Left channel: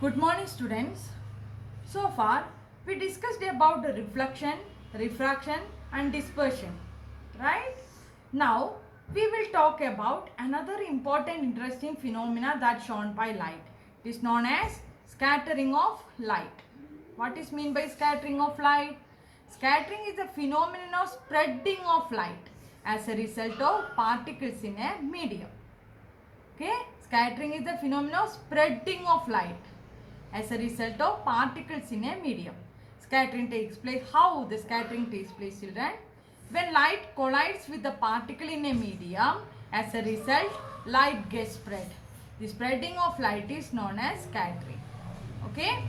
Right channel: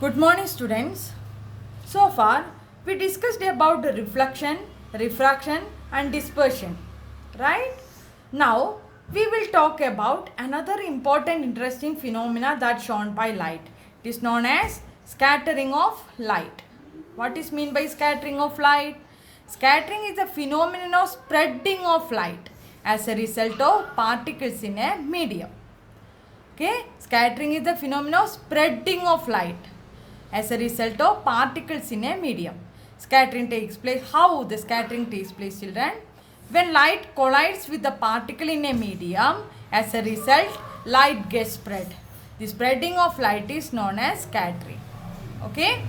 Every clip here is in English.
Good morning, students. So far, we discussed about the reflection, refraction and dispersion, right? Now, we will talk about another important interesting phenomena that's shown by light. It is known as scattering of light. What is meant by scattering of light? Scattering is a phenomenon of spreading of light as a result of particles in a medium. Okay, scattering is the phenomenon of spreading of light as a result of particles in a medium. Scattering takes place. How the scattering takes place, children? When light collides with the particle in a medium, as a result, light gets spread. The spreading of light is known as scattering. Okay.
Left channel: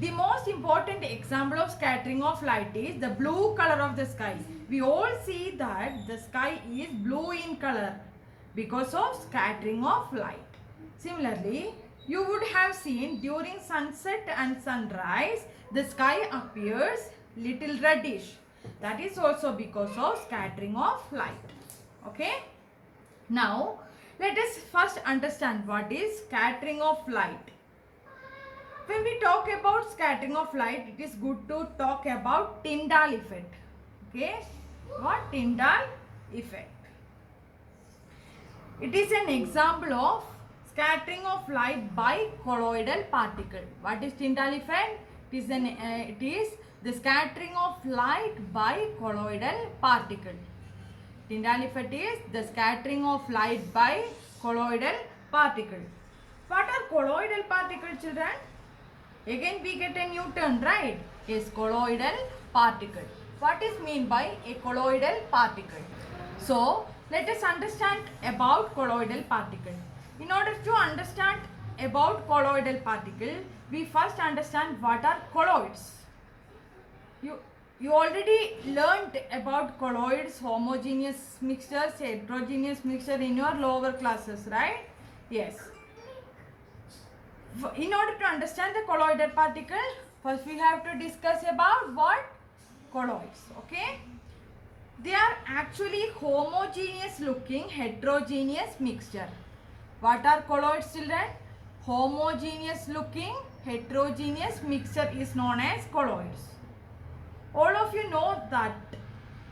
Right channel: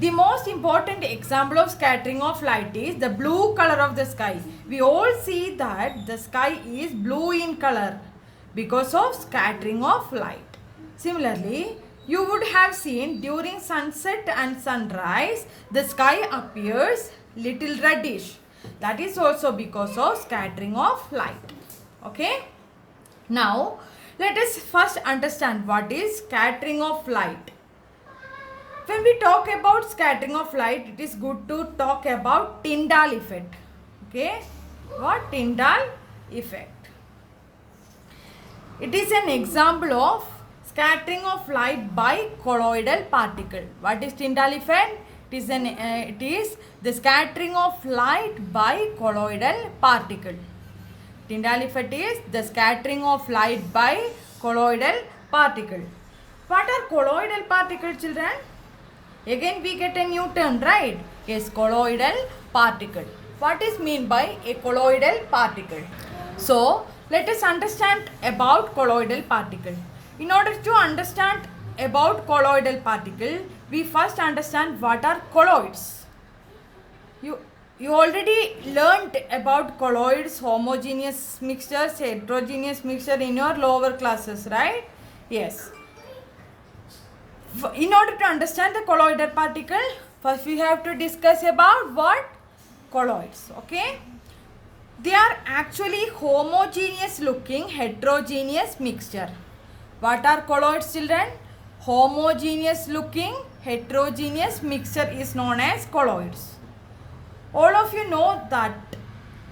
The most important example of scattering of light is the blue color of the sky. We all see that the sky is blue in color because of scattering of light. Similarly, you would have seen during sunset and sunrise, the sky appears little reddish. That is also because of scattering of light. Okay. Now, let us first understand what is scattering of light. When we talk about scattering of light, it is good to talk about Tyndall effect. Okay. What? Tyndall effect. It is an example of scattering of light by colloidal particle. What is Tyndall effect? It is the scattering of light by colloidal particle. Tyndall effect is the scattering of light by colloidal particle. What are colloidal particles, children? Again we get a new term, right? Yes, colloidal particle. What is meant by a colloidal particle? So, let us understand about colloidal particle. In order to understand about colloidal particle, we first understand what are colloids. You already learnt about colloids, homogeneous mixtures, heterogeneous mixture in your lower classes, right? Yes. In order to understand the colloidal particle, first we have to discuss about what? Colloids. Okay. They are actually homogeneous looking heterogeneous mixture. What are colloids, children? Homogeneous looking heterogeneous mixture is known as colloids. All of you know that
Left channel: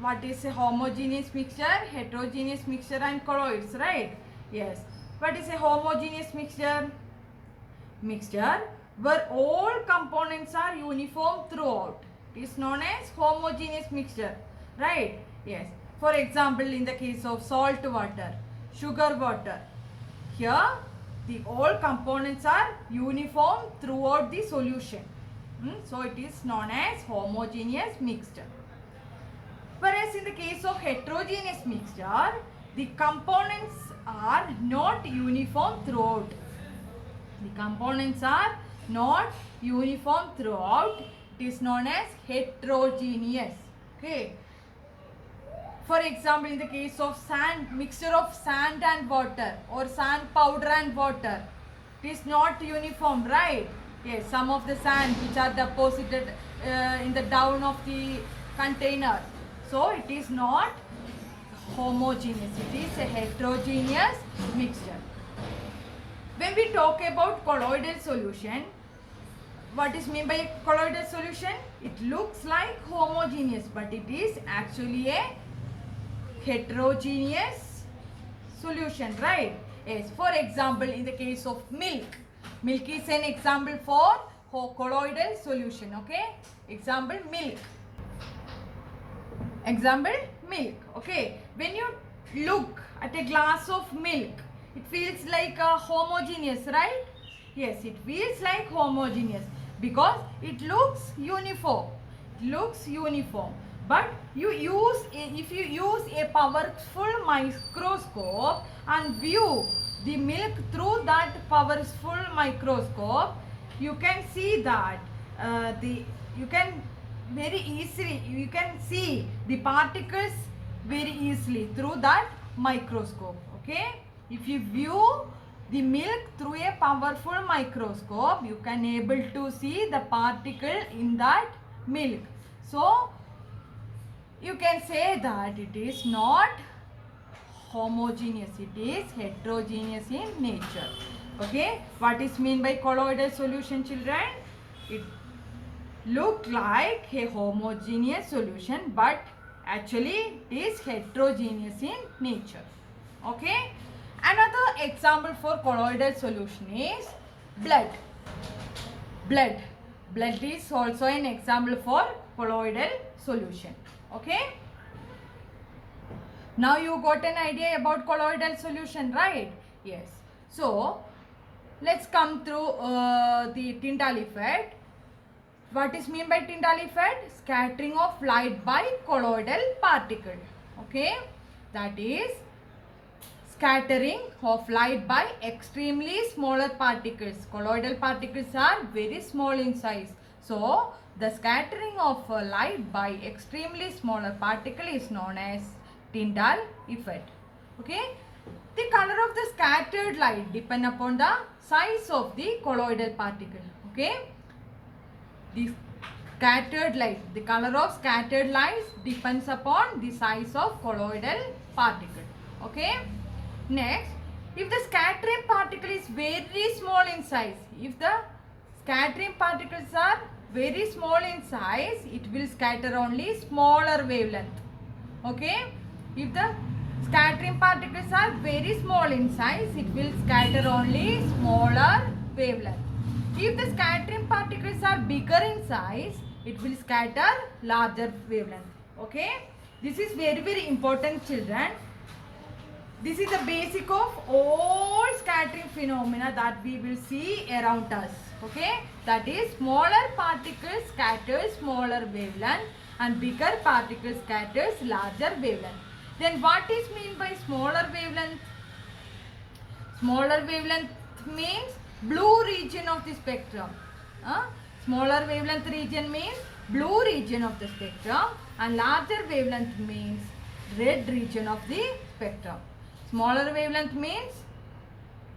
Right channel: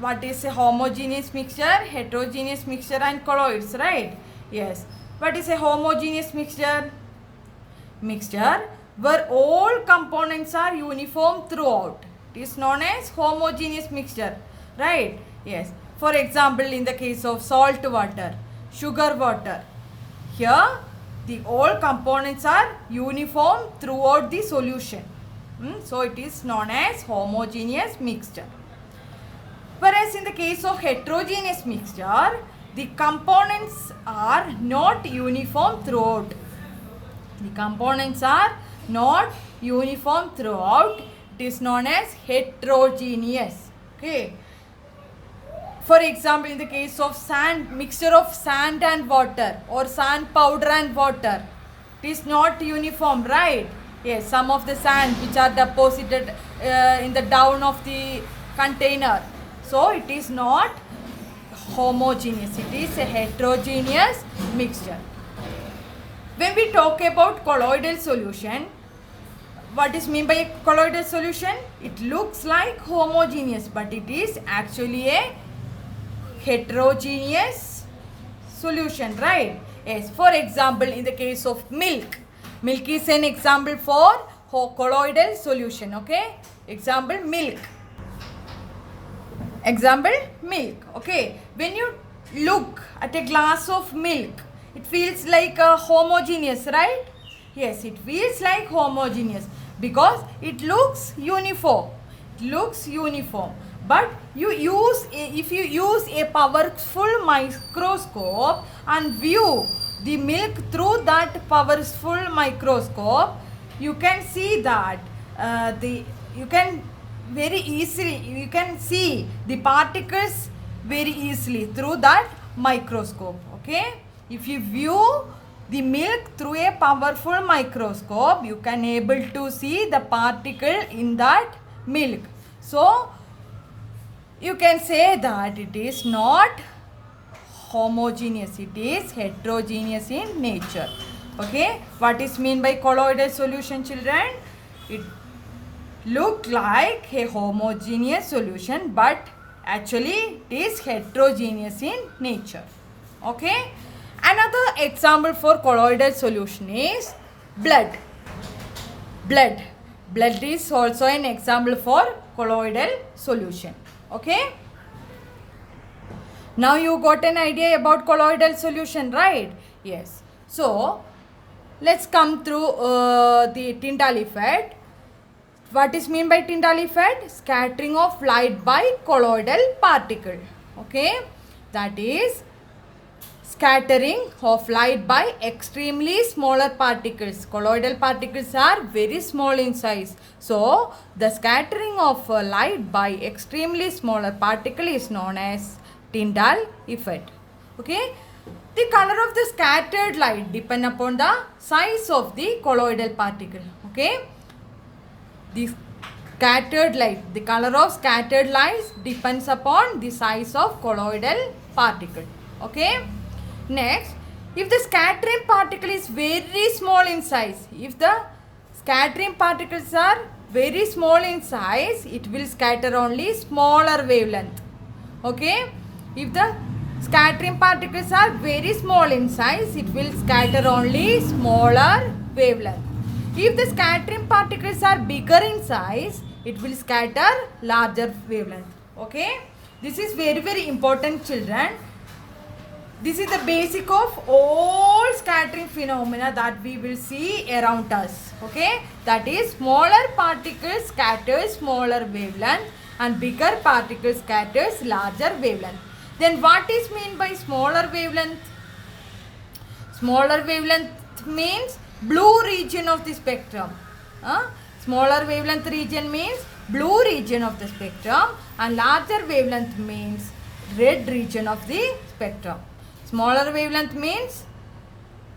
what is a homogeneous mixture, heterogeneous mixture and colloids, right? Yes. What is a homogeneous mixture? Mixture where all components are uniform throughout. It is known as homogeneous mixture, right? Yes. For example, in the case of salt water, sugar water, here the all components are uniform throughout the solution. So it is known as homogeneous mixture. Whereas in the case of heterogeneous mixture, the components are not uniform throughout. The components are not uniform throughout. It is known as heterogeneous. Okay. For example, in the case of sand, mixture of sand and water or sand powder and water, it is not uniform, right? Yes, some of the sand which are deposited in the down of the container. So, it is not homogeneous. It is a heterogeneous mixture. When we talk about colloidal solution, what is meant by colloidal solution? It looks like homogeneous, but it is actually a heterogeneous solution, right? Yes. For example, in the case of milk, milk is an example for colloidal solution. Okay. Example, milk. Example, milk. Okay. When you look at a glass of milk, it feels like a homogeneous, right? Yes, it feels like homogeneous because it looks uniform. It looks uniform. But if you use a powerful microscope and view the milk through that powerful microscope, you can see that you can see the particles very easily through that microscope. Okay. If you view the milk through a powerful microscope, you can able to see the particle in that milk. So, you can say that it is not homogeneous, it is heterogeneous in nature. Okay, what is mean by colloidal solution, children? It look like a homogeneous solution, but actually it is heterogeneous in nature. Okay, another example for colloidal solution is blood. Blood is also an example for colloidal solution. Okay, now you got an idea about colloidal solution, right? Yes. So let's come through the Tyndall effect. What is mean by Tyndall effect? Scattering of light by colloidal particle. Okay, that is scattering of light by extremely smaller particles. Colloidal particles are very small in size. So the scattering of light by extremely smaller particle is known as Tyndall effect. Okay. The color of the scattered light depend upon the size of the colloidal particle. Okay. The scattered light, the color of scattered light depends upon the size of colloidal particle. Okay. Next, if the scattering particle is very small in size, if the scattering particles are very small in size, it will scatter only smaller wavelength. Okay. If the scattering particles are very small in size, it will scatter only smaller wavelength. If the scattering particles are bigger in size, it will scatter larger wavelength. Okay. This is very important, children. This is the basic of all scattering phenomena that we will see around us. Okay. That is, smaller particles scatters smaller wavelength and bigger particles scatters larger wavelength. Then what is mean by smaller wavelength? Smaller wavelength means blue region of the spectrum. Smaller wavelength region means blue region of the spectrum, and larger wavelength means red region of the spectrum. Smaller wavelength means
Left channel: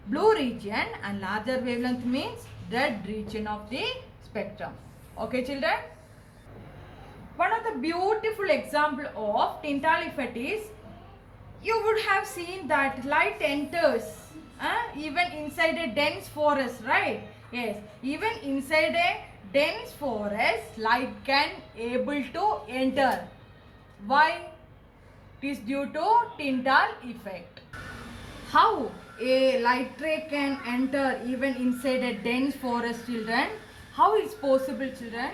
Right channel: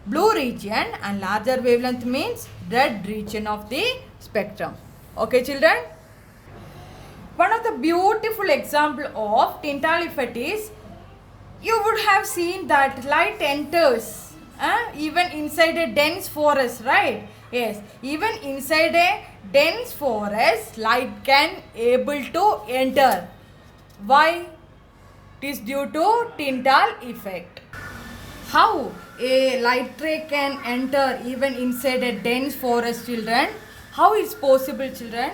blue region and larger wavelength means red region of the spectrum. Okay, children? One of the beautiful example of Tyndall effect is, you would have seen that light enters even inside a dense forest, right? Yes, even inside a dense forest, light can able to enter. Why? It is due to Tyndall effect. How a light ray can enter even inside a dense forest, children? How it's possible, children?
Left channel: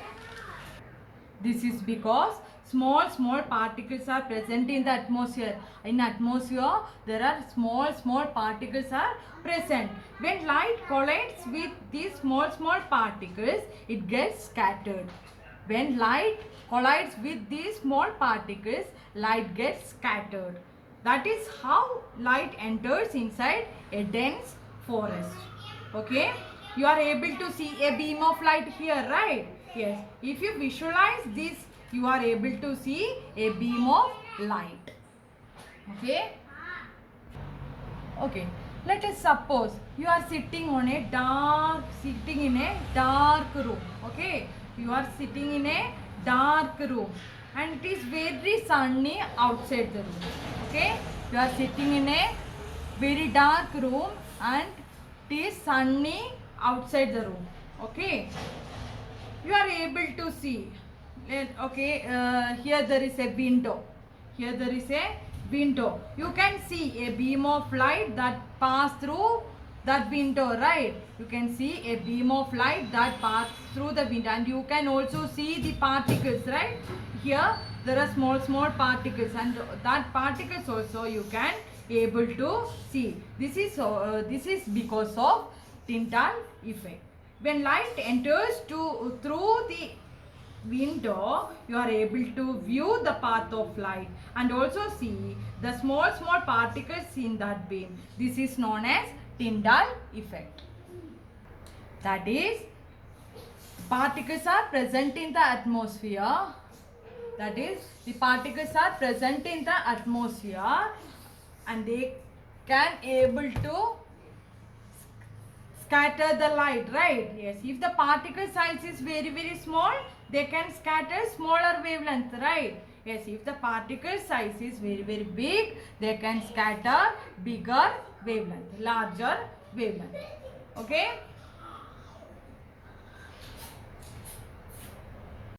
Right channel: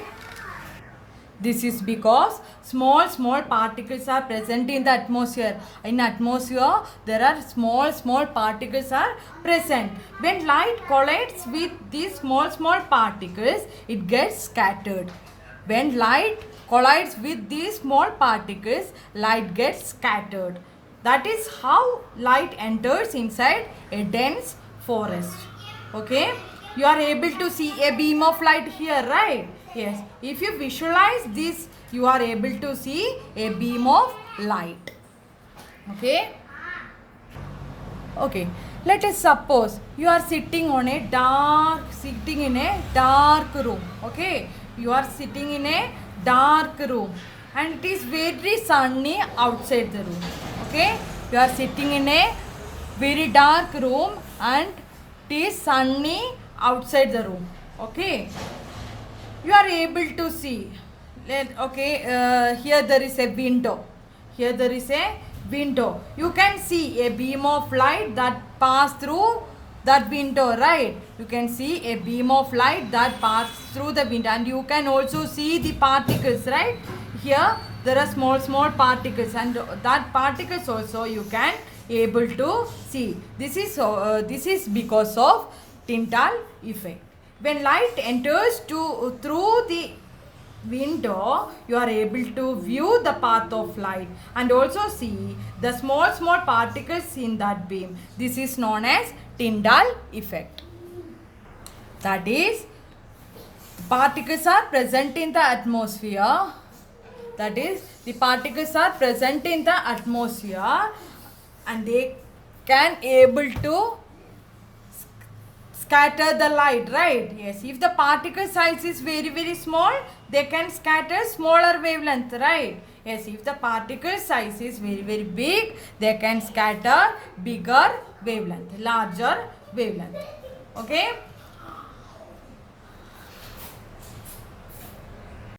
This is because small particles are present in the atmosphere. In atmosphere, there are small particles are present. When light collides with these small particles, it gets scattered. When light collides with these small particles, light gets scattered. That is how light enters inside a dense forest. Okay. You are able to see a beam of light here, right? Yes. If you visualize this, you are able to see a beam of light. Okay. Okay. Let us suppose you are sitting in a dark room. Okay. You are sitting in a dark room and it is very sunny outside the room. Okay. You are sitting in a very dark room and it is sunny outside the room. Okay. You are able to see. Okay. Here there is a window. Here there is a window. You can see a beam of light that pass through that window, right? You can see a beam of light that pass through the window, and you can also see the particles, right? Here there are small particles, and that particles also you can able to see. This is because of Tyndall effect. When light enters through the window, you are able to view the path of light and also see the small particles in that beam. This is known as Tyndall effect. That is, particles are present in the atmosphere. That is, the particles are present in the atmosphere and they can able to scatter the light, right? Yes, if the particle size is very small, they can scatter smaller wavelength, right? Yes, if the particle size is very big, they can scatter bigger wavelength, larger wavelength. Okay.